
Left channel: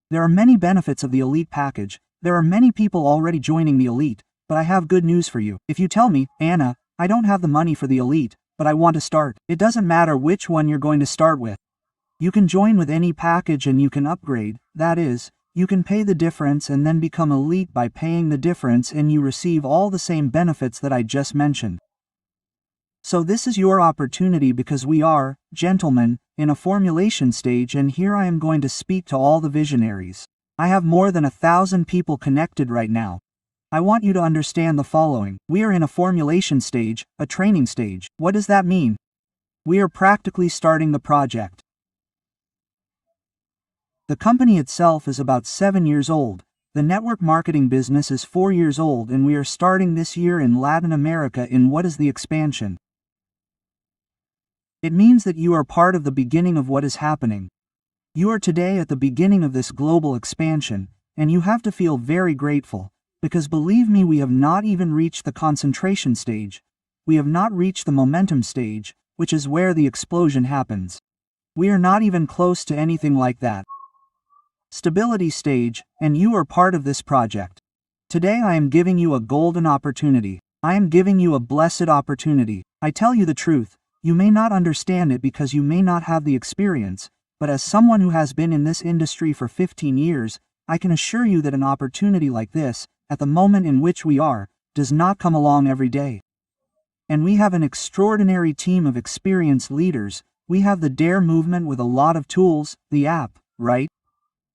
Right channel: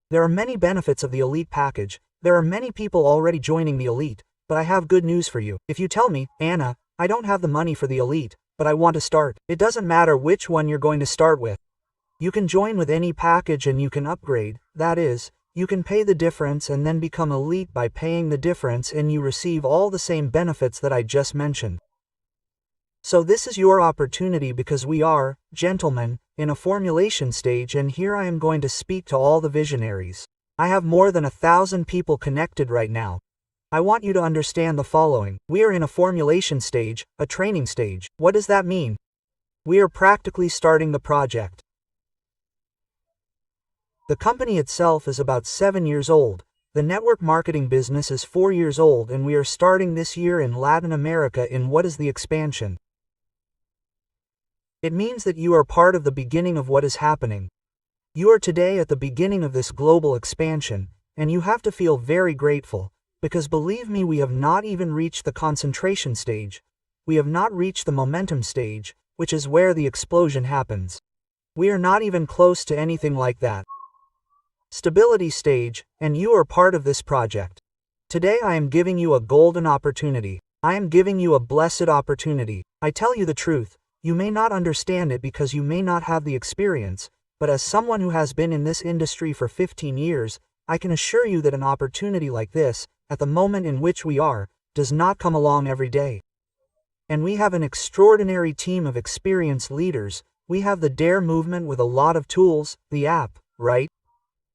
There are many benefits of the elite package. There are many people already joining the elite, but I have good news for you. If you tell me, Anna, I don't have the money for the elite, but I want to start, it doesn't matter which one you're going to start with. You can join with any package and you can upgrade, that is, you can pay the difference and then become elite by paying the difference and you receive all the same benefits that I just mentioned. So this is your opportunity because we are, gentlemen, in a formulation stage, and here I am going to speak to all the visionaries. I have more than 1,000 people connected right now. I want you to understand the following. We are in a formulation stage, a training stage. What does that mean? We are practically starting the project. The company itself is about 7 years old. The network marketing business is 4 years old, and we are starting this year in Latin America in what is the expansion. It means that you are part of the beginning of what is happening. You are today at the beginning of this global expansion, and you have to feel very grateful, because believe me, we have not even reached the concentration stage. We have not reached the momentum stage, which is where the explosion happens. We are not even close to anything like that. Stability stage, and you are part of this project. Today I am giving you a golden opportunity. I am giving you a blessed opportunity. I tell you the truth. You may not understand it because you may not have the experience, but as someone who has been in this industry for 15 years, I can assure you that an opportunity like this, at the moment in which we are, does not come along every day. And we have an extraordinary team of experienced leaders. We have the DARE movement with a lot of tools, the app, right?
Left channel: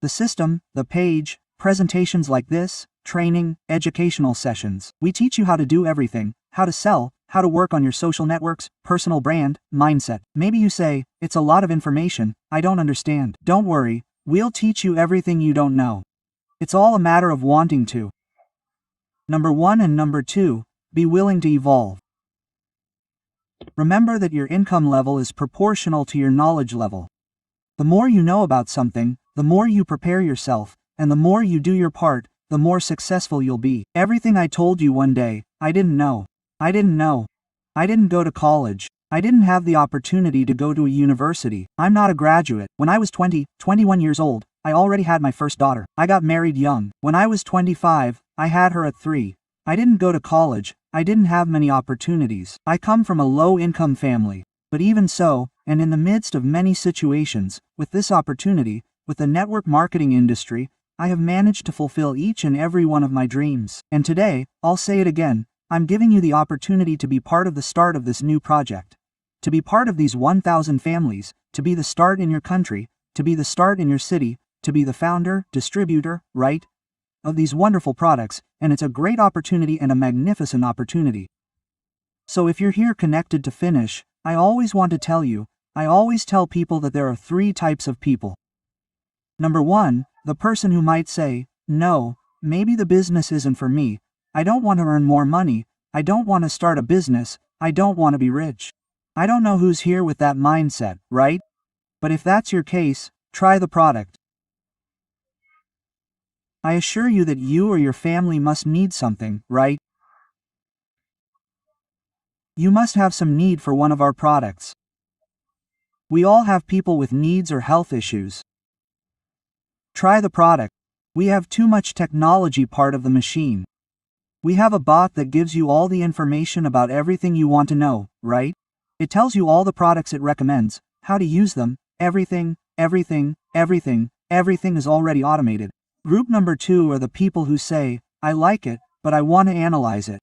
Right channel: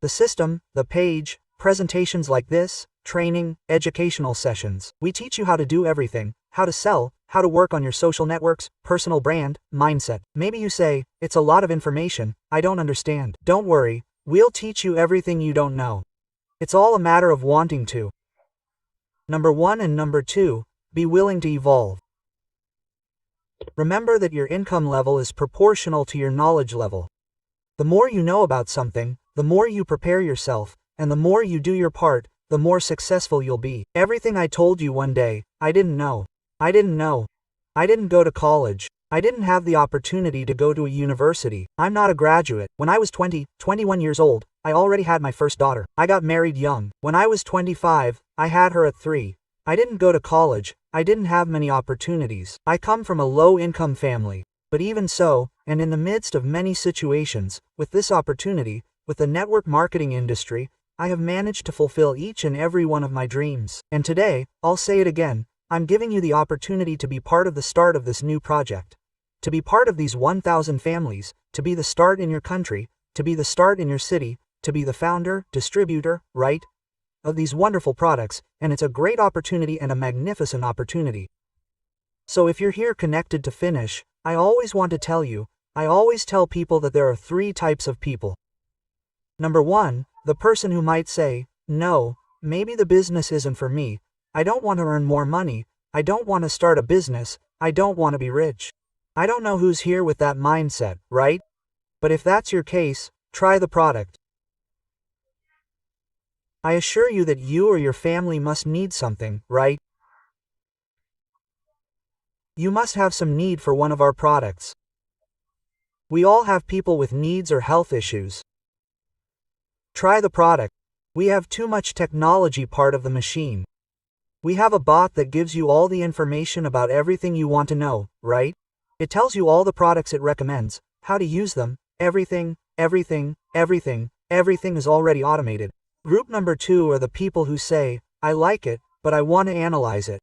The system, the page, presentations like this, training, educational sessions. We teach you how to do everything, how to sell, how to work on your social networks, personal brand, mindset. Maybe you say, it's a lot of information, I don't understand. Don't worry, we'll teach you everything you don't know. It's all a matter of wanting to. Number 1 and number 2, be willing to evolve. Remember that your income level is proportional to your knowledge level. The more you know about something, the more you prepare yourself, and the more you do your part, the more successful you'll be. Everything I told you one day, I didn't know. I didn't know. I didn't go to college. I didn't have the opportunity to go to a university. I'm not a graduate. When I was 21 years old, I already had my first daughter. I got married young. When I was 25, I had her at 3. I didn't go to college. I didn't have many opportunities. I come from a low-income family. But even so, and in the midst of many situations, with this opportunity, with the network marketing industry, I have managed to fulfill each and every one of my dreams. And today, I'll say it again, I'm giving you the opportunity to be part of the start of this new project. To be part of these 1,000 families, to be the start in your country, to be the start in your city, to be the founder, distributor, right, of these wonderful products, and it's a great opportunity and a magnificent opportunity. So if you're here connected to finish, I always want to tell you, I always tell people that there are 3 types of people. Number 1, the person who might say, no, maybe the business isn't for me, I don't want to earn more money, I don't want to start a business, I don't want to be rich. I don't know who's here with that mindset, right? But if that's your case, try the product. I assure you that you or your family must need something, right? You must have some need for one of our products. We all have people with needs or health issues. Try the product. We have too much technology part of the machine. We have a bot that gives you all the information about everything you want to know, right? It tells you all the products it recommends, how to use them, everything is already automated. Group number 2 are the people who say, I like it, but I want to analyze it.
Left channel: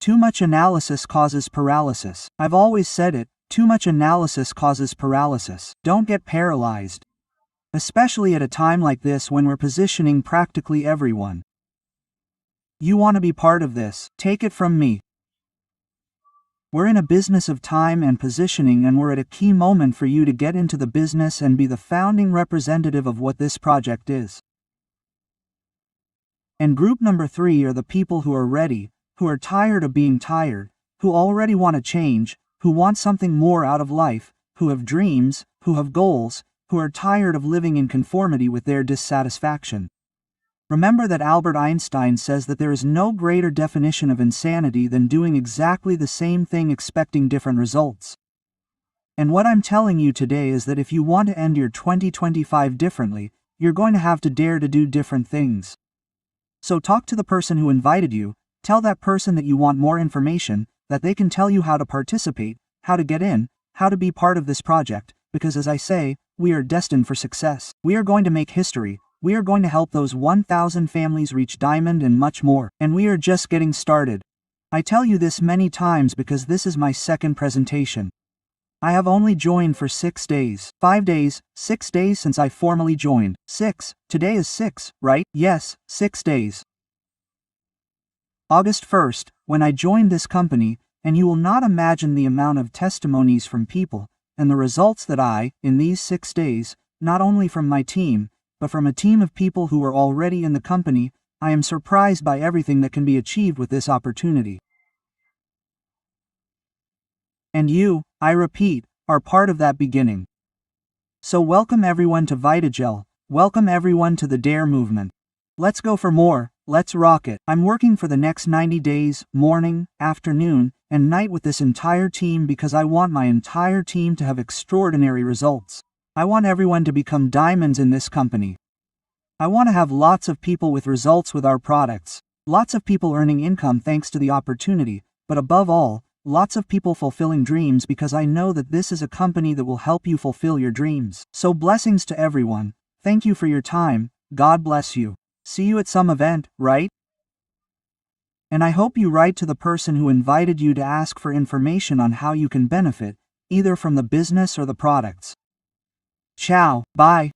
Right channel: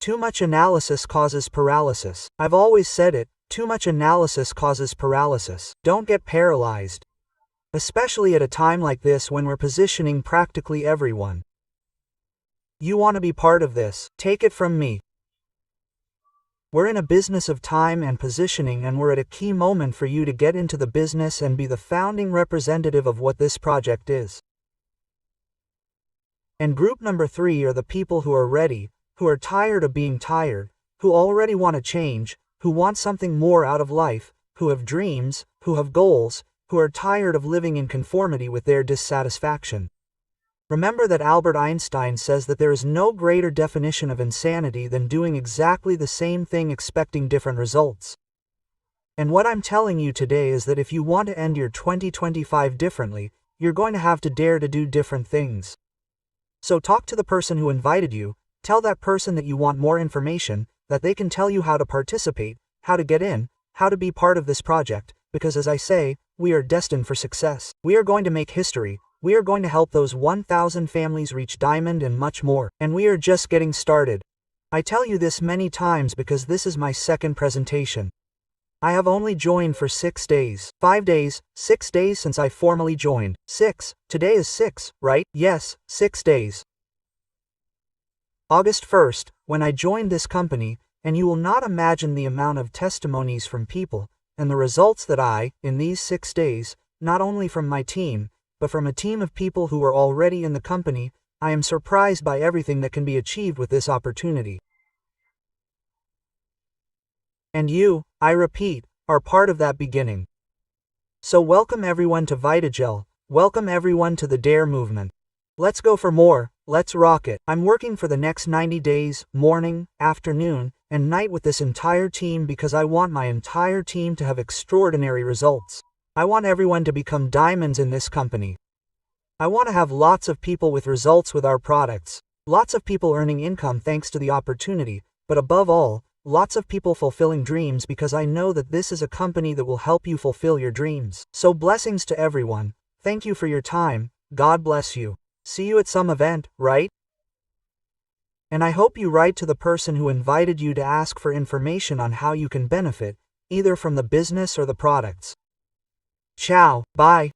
Too much analysis causes paralysis. I've always said it, too much analysis causes paralysis. Don't get paralyzed. Especially at a time like this when we're positioning practically everyone. You want to be part of this, take it from me. We're in a business of time and positioning, and we're at a key moment for you to get into the business and be the founding representative of what this project is. And group number 3 are the people who are ready, who are tired of being tired, who already want to change, who want something more out of life, who have dreams, who have goals, who are tired of living in conformity with their dissatisfaction. Remember that Albert Einstein says that there is no greater definition of insanity than doing exactly the same thing expecting different results. And what I'm telling you today is that if you want to end your 2025 differently, you're going to have to dare to do different things. So talk to the person who invited you, tell that person that you want more information, that they can tell you how to participate, how to get in, how to be part of this project, because as I say, we are destined for success. We are going to make history. We are going to help those 1,000 families reach diamond and much more. And we are just getting started. I tell you this many times because this is my second presentation. I have only joined for 6 days. 5 days, 6 days since I formally joined. 6. Today is 6, right? Yes, 6 days. August 1st, when I joined this company, and you will not imagine the amount of testimonies from people, and the results that I, in these 6 days, not only from my team, but from a team of people who were already in the company, I am surprised by everything that can be achieved with this opportunity. And you, I repeat, are part of that beginning. So welcome everyone to VitalHealth, welcome everyone to the DARE movement. Let's go for more, let's rock it. I'm working for the next 90 days, morning, afternoon, and night with this entire team because I want my entire team to have extraordinary results. I want everyone to become diamonds in this company. I want to have lots of people with results with our products, lots of people earning income thanks to the opportunity, but above all, lots of people fulfilling dreams because I know that this is a company that will help you fulfill your dreams. So blessings to everyone. Thank you for your time. God bless you. See you at some event, right? And I hope you write to the person who invited you to ask for information on how you can benefit, either from the business or the products. Ciao, bye.